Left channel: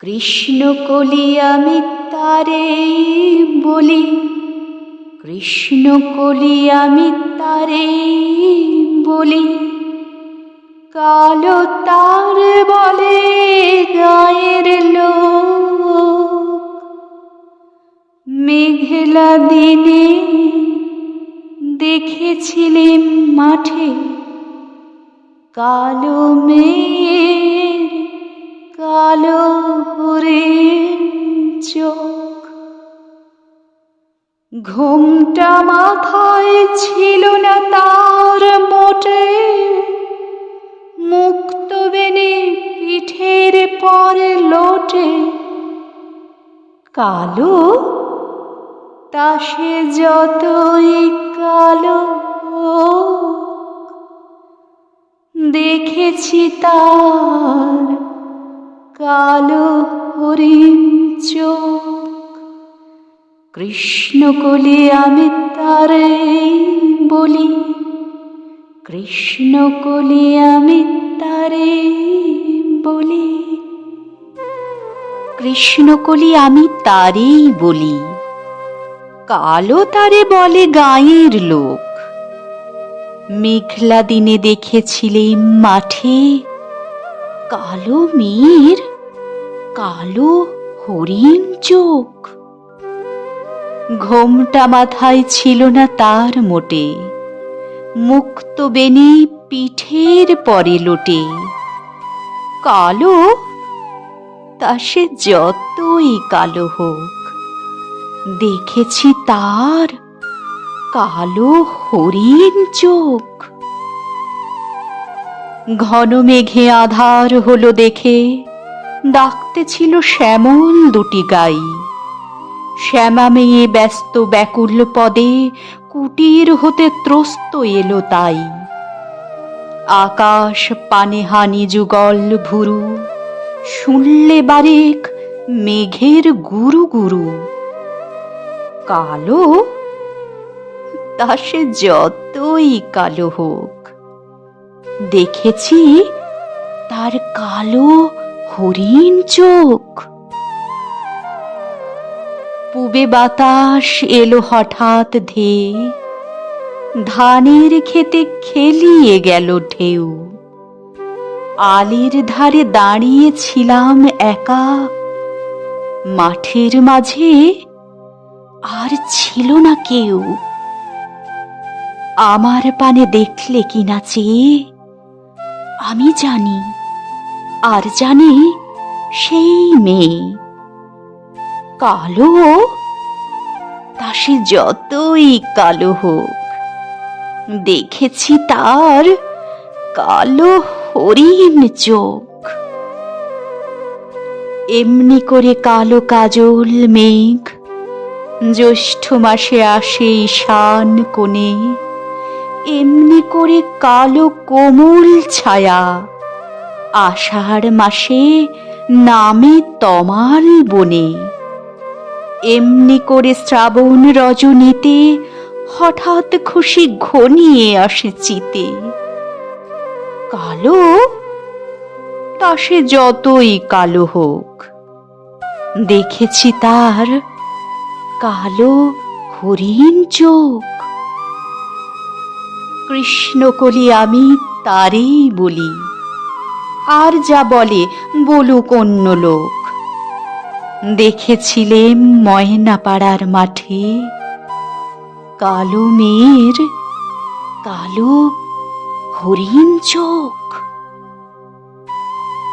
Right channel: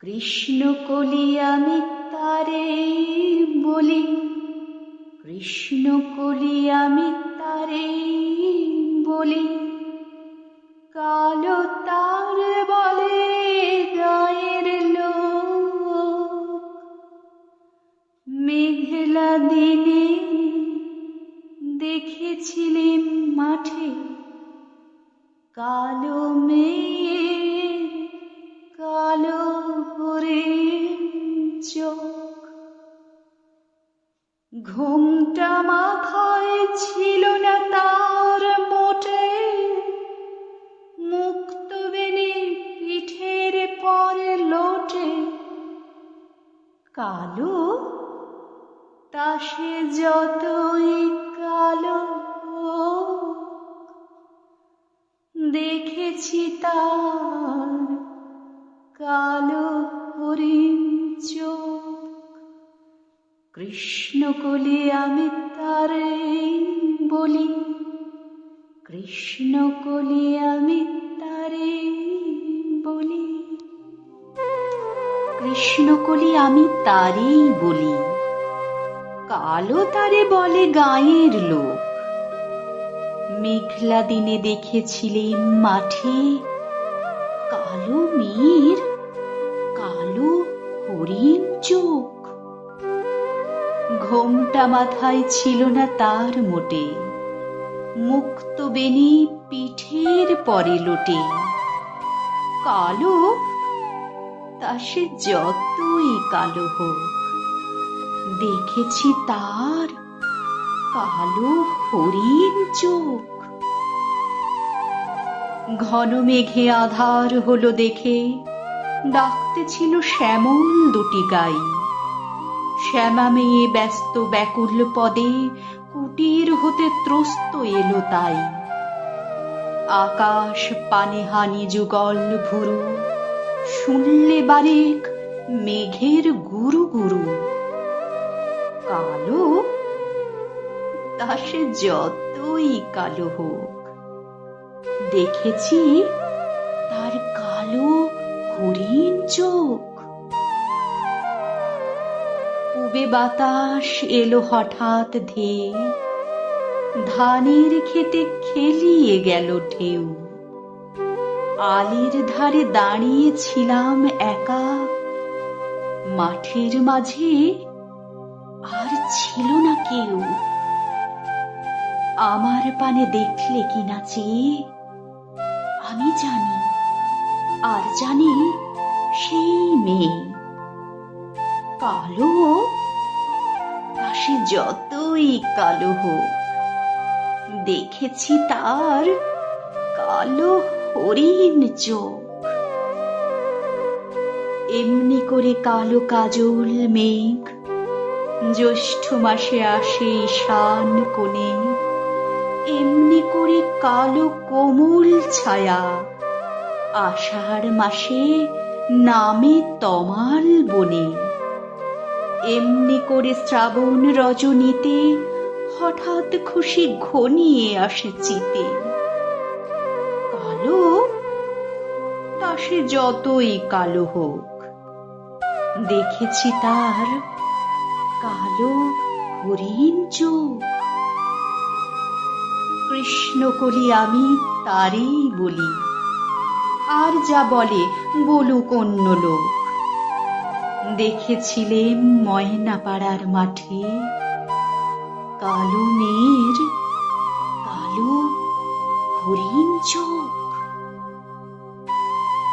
কৃষ্ণ কলি আমি তারে বলি। কৃষ্ণ কলি আমি তারে বলি। কালো তার বলে গায়ের লোক। মেঘলা দিনে দেখেছিলেন মাঠে। কালো মেয়ের ঘুমটা মাথায় ছিল না তার মোটে। মুক্ত বেনে পিঠের পরে লোটে। কালো, তা সে যতই কালো দেখেছি তার কালো হরিণ চোখ। কৃষ্ণ কলি আমি তারে বলি কৃষ্ণ কলি আমি তারে বলি। কৃষ্ণ কলি আমি তারেই বলি, কালো তারে বলে গায়ের লোক। মেঘলা দিনে দেখেছিলেন মাঠে কালো মেয়ের কালো হরিণ চোখ। ঘোমটা মাথায় ছিল না তার মোটে। মুক্ত বেনি পিঠের পরে লোটে। কালো, তা সে যতই কালো হোক। দেখেছি তার কালো হরিণ চোখ। ঘন মেঘে আধার হলো দেখে। ডাকতে ছিল শ্যামল দুটি গাই। শ্যামা মেয়ে ব্যস্ত ব্যাকুল পদে কুটির হতে ত্রস্ত এলো তাই। আকাশ পানে হানি যুগল ভুরু, শুনলে বারেক মেঘের গুরু গুরু। কালো তা সে যতই কালো হোক। দেখেছি তার কালো হরিণ চোখ। পুবে বাতাস এলো হঠাৎ ধেয়ে। ধানের খেতে খেলিয়ে গেল ঢেউ। আলির ধারে দাঁড়িয়েছিলাম একা। মাঠের মাঝে আর ছিল না কেউ। আমার পানে দেখলে কি না চেয়ে। আমি জানি, আর জানি সেই মেয়ে। কালো তা সে যতই কালো হোক, দেখেছি তার কালো হরিণ চোখ। এমনি করে কালো কাজল মেঘ, জ্যৈষ্ঠ মাসে আসে ঈশান কোণে। এমনি করে কালো কোমল ছায়া, আষাঢ় মাসে নামে তমাল বনে। এমনি করে শ্রাবণ রজনীতে হঠাৎ খুশি ঘনিয়ে আসে চিতে। কালো? তা সে যতই কালো হোক। দেখেছি তার কালো হরিণ চোখ। কৃষ্ণকলি আমি তারই বলি। আর যা বলে বলুক অন্য লোক। দেখেছিলেম ময়নাপাড়ার মাঠে। কালো মেয়ের কালো হরিণ চোখ।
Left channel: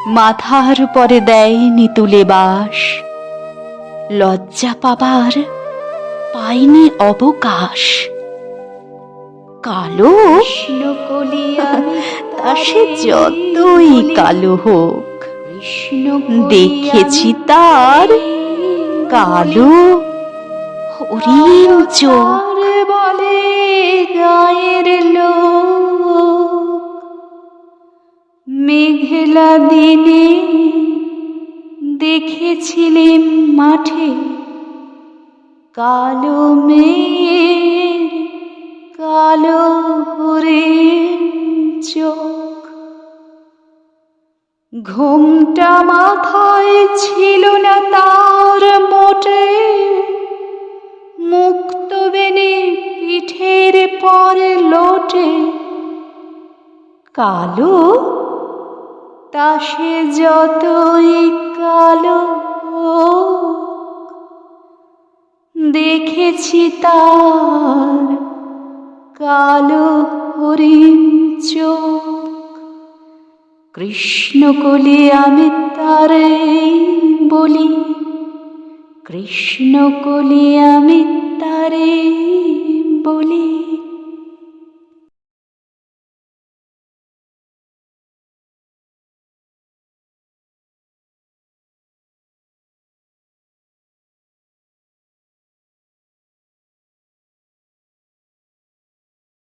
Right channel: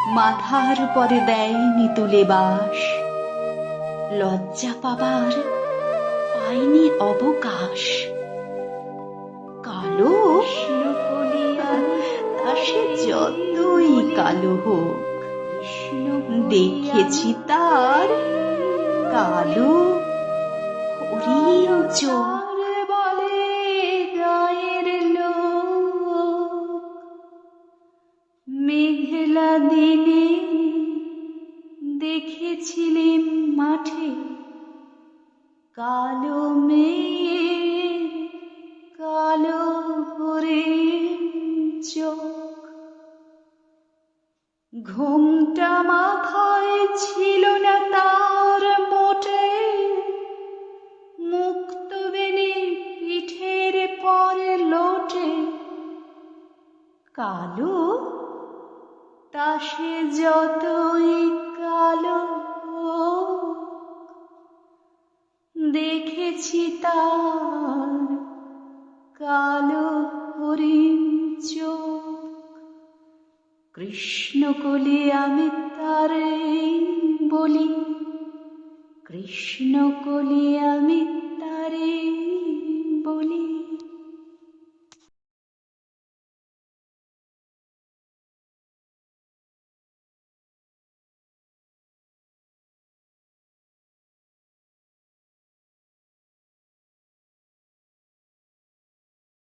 মাথার পরে দেয় নিতুলে বাস। লজ্জা পাবার পাইনি অবকাশ। কালো তা সে যতই কালো হোক। দেখেছি তার কালো হরিণ চোখ বলে গায়ের লোক। মেঘলা দিনে দেখেছিলেন মাঠে কালো মেয়ের ঘুমটা মাথায় ছিল না তার মোটে। মুক্ত বেনে পিঠের পরে লোটে। কালো, তা সে যতই কালো দেখেছি তার কালো হরিণ চোখ। কৃষ্ণ কলি আমি তারে বলি কৃষ্ণ কলি আমি তারে